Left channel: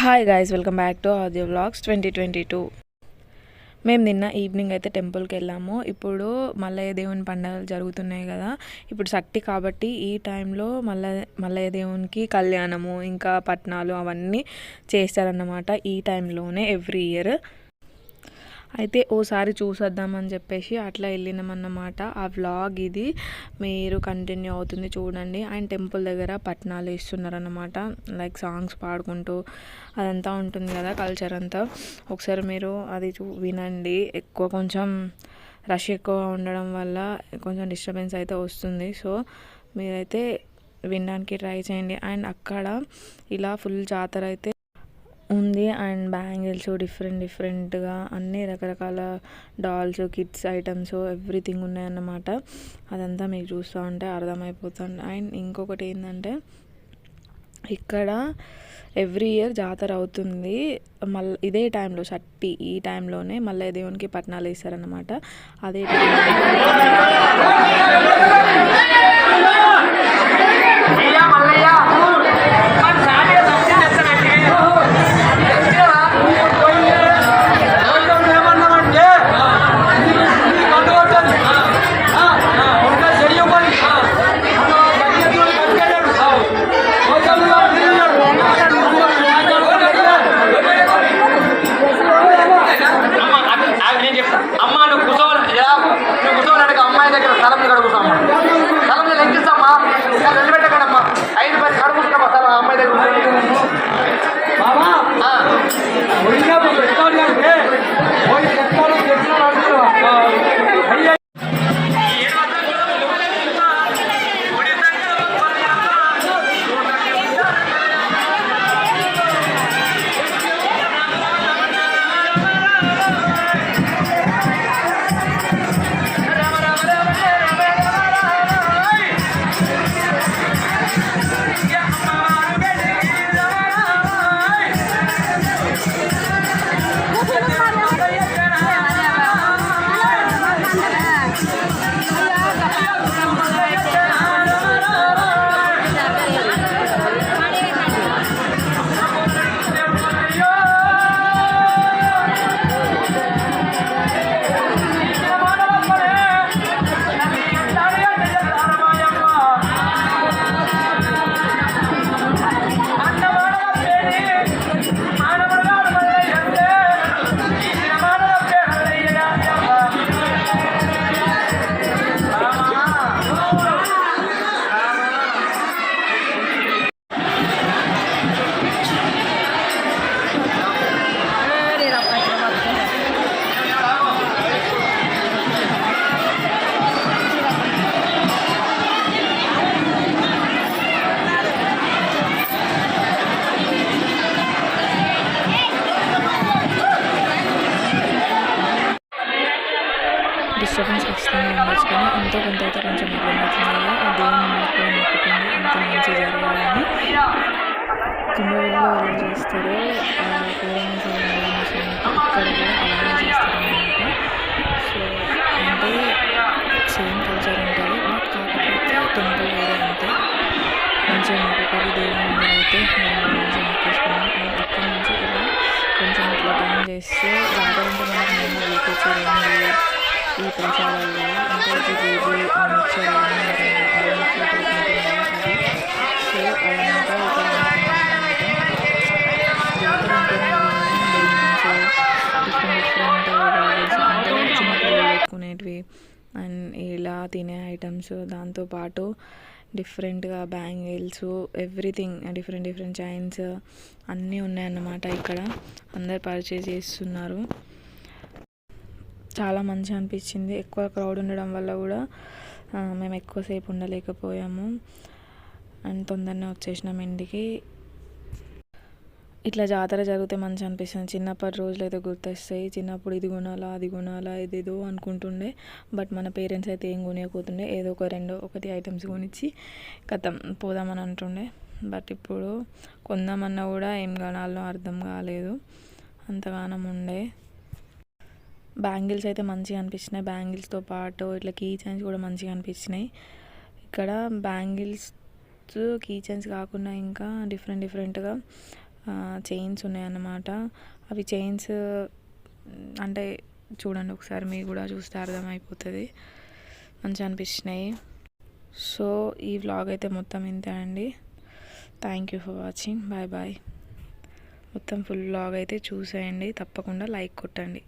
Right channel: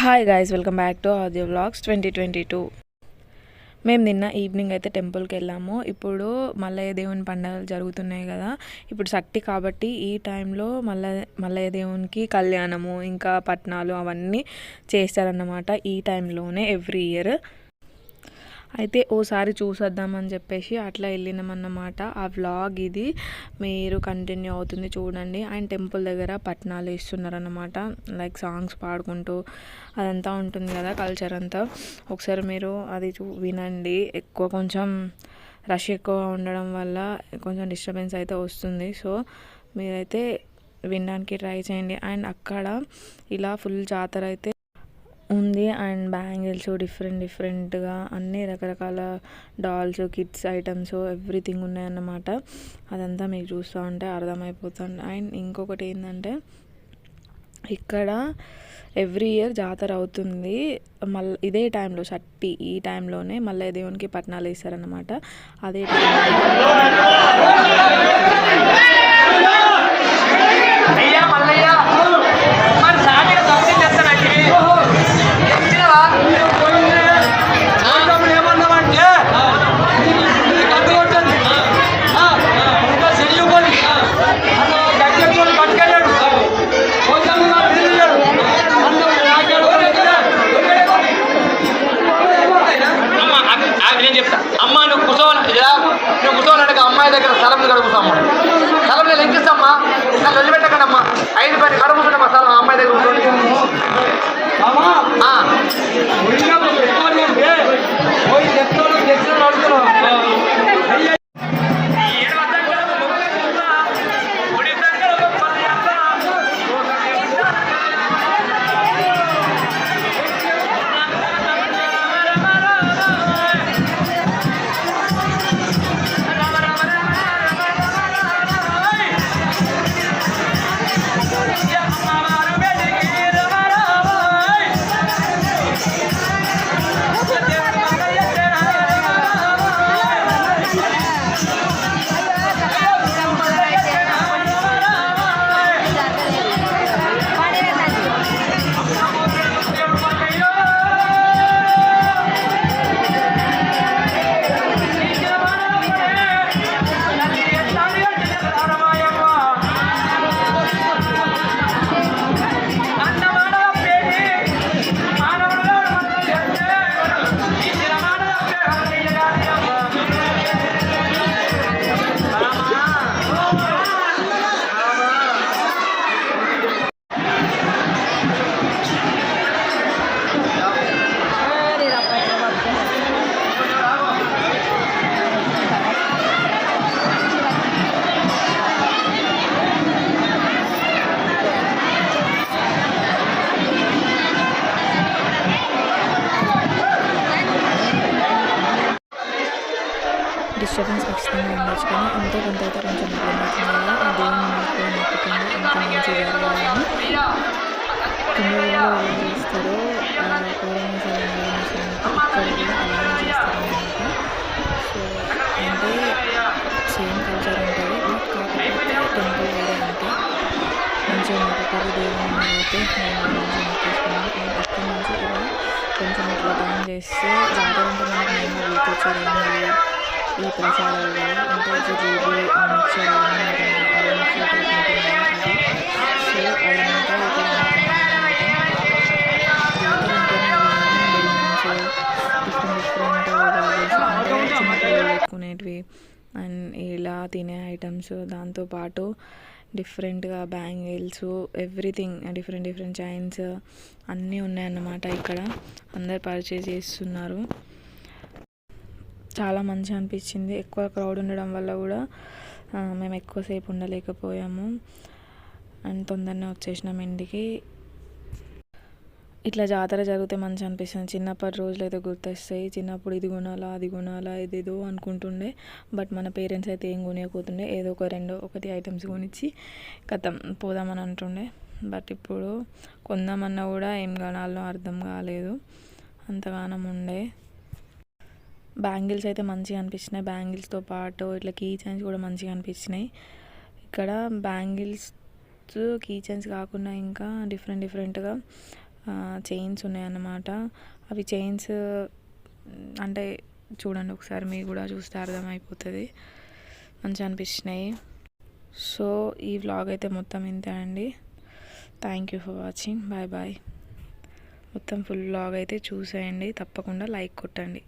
Hi guys, welcome back to audio vlogs 2022. మేము నిన్న evening అయితే టెంపుల్కి వెళ్ళాము. ఇప్పుడు మల్లయ్య దేవుని పండుగలు జరుగుతున్నాయి కదా. ఇప్పుడు సట్టి కాబట్టి ఈ టైంలో మల్లయ్య దేవునికి కళ్యాణము ఇంకా పట్నాలు అవన్నీ చేస్తారన్నమాట. ఈ టైంలోనే ఎవ్రీ ఇయర్ అయితే ఓసారి చూసొద్దామని చెప్పేసి అట్లా వెళ్ళినామన్నమాట. ఆ వ్లాగ్ ఇది మీరు కంటిన్యూ అవుతుంది చూడండి. ఆయన టెంపుల్ దగ్గర పట్నాలు వేస్తున్నారన్నమాట. లైక్ సాంగ్స్ పాడుకుంటూ అదంతా ఉంటుంది కదా, కల్చర్ అంతా. ఒకసారి మీరు అది వినండి. కొంచెం రష్ ఎక్కువ ఉండడం వల్ల కొంచెం డిస్టర్బెన్స్ అయితే వస్తుంది. సో మీరైతే వినడానికి ట్రై చేయండి. అండ్ అక్కడ ఇలా ఫుల్ జాతర అయితే ఉంది. అండ్ బ్యాంగిల్స్ డిఫరెంట్గా అన్ని రకరకాల డాల్స్, కిడ్స్ ఐటమ్స్ ఎవ్రీథింగ్ ఉన్నాయన్నమాట. అదంతా మీకు చూస్తూ ఉంటే అర్థమైపోతుంది. అండ్ ఇంకొకటి ఏంటంటే ఇక్కడ ఎవ్రీ ఇయర్ జాతర అవుతుంది. ఇదే టైంలో షట్టి ఈ టైంలోనే మల్లయ్య దేవునికి పట్నాలు వేస్తారనమాట. అదే డిస్టర్బెన్స్ ఖచ్చితంగా ఉండొచ్చు, కానీ ఎంతో కొంత అయితే కొంచెం ఇబ్బంది అవుతుంది కదా. ఆ దేవుని మొక్కుకొని మొక్కుతుంది ఎంత మంచి జరగాలని. కుంభవెల్లో ఎలా చేస్తారో పూర్వమేశ్వరం ఇక్కడ కూడా అలానే చేస్తారన్నమాట. సో అంటే సేమ్ కల్చర్ ఉంటుంది, బట్ కాకపోతే టెంపుల్ వేరే అంతే. మంచిగా మొక్కుకొని దేవుని అయితే మేము మంచిగా మొక్కేసుకున్నాం. మేము అక్కడి నుంచి ఇలా కొంచెం ఇట్లా టైం చేస్తే జాతర అంటే మనకు మేము వీకొచ్చేది ఈ ప్రసాదాలు కదా, అంటే జిలేబీ ఆ మిక్చర్ అవన్నీ ఉంటుంది కదా, అవి మిక్చర్ టైప్ ఉంటుంది కదా అది. సో అదంతా ఇక్కడ అనుకున్నాను అనమాట. జాతర అంటేనే బెలూన్స్, డిఫరెంట్ బ్యాగెస్, అంటే చిన్నపిల్లలు పెట్టుకునేటివి అండ్ ఇలా తినే ఐటమ్స్, దాంతోపాటు డిఫరెంట్గా బ్యాంగిల్స్, ఎవ్రీథింగ్ డిఫరెంట్ చైన్స్ అన్నీ ఉన్నాయన్నమాట. ఇక్కడ అందరు పర్చేజ్ చేస్తున్నారు. చాలా మంచిగా అనిపించింది. ఎక్కువ క్రౌడ్ ఉండడం వల్ల కూడా మేము ఎక్కువసేపు ఉండలేకపోయాము అండ్ తొందరనే వచ్చేసినాం ఇంటికి. ఇట్లా జాతర జరిగితే మంచిగా అనిపిస్తుంది. చిన్నప్పటి రోజులు అయితే గుర్తొస్తాయి. చిన్నప్పుడు ఇది కొనాలా అది కొనాలా ఇదేదో అనుకుంటుండే, బట్ మన పేరెంట్స్ అయితే ఏం కొనియకపోతుండే. ఏదో ఒకటి ఐటమ్స్ కొనిచ్చి కథం పోదామని అంటుండే. బట్ ఇప్పుడు కొందామన్నా కూడా ఏం కొనాలో అర్థం కాలేదు, అంతగానం ఉండే. బ్యాంగిల్స్ అయితే మంచిగా అనిపించినాయి. బ్యాంగిల్స్తో పాటు ఇట్లా కీ చైన్స్ కూడా మంచిగా అనిపించినాయి. ఇక్కడ బ్యాంగిల్స్ కీ చైన్స్ కాకుండా ఇంకా డిఫరెంట్గా చైన్స్ ఉన్నాయన్నమాట. అవి చైన్స్ అంటే చూడండి ఒకసారి, మీరు కూడా చూస్తే అర్థమైపోతుంది. మంచిగా అనిపించినాయి. సో ఈ వ్లాగ్ అయితే మొత్తం ఇంతే అండి. Thank you for watching. Bye bye. మొత్తం ఫుల్ వ్లాగ్ అయితే చూసేయండి, తప్పకుండా లైక్ కొట్టండి.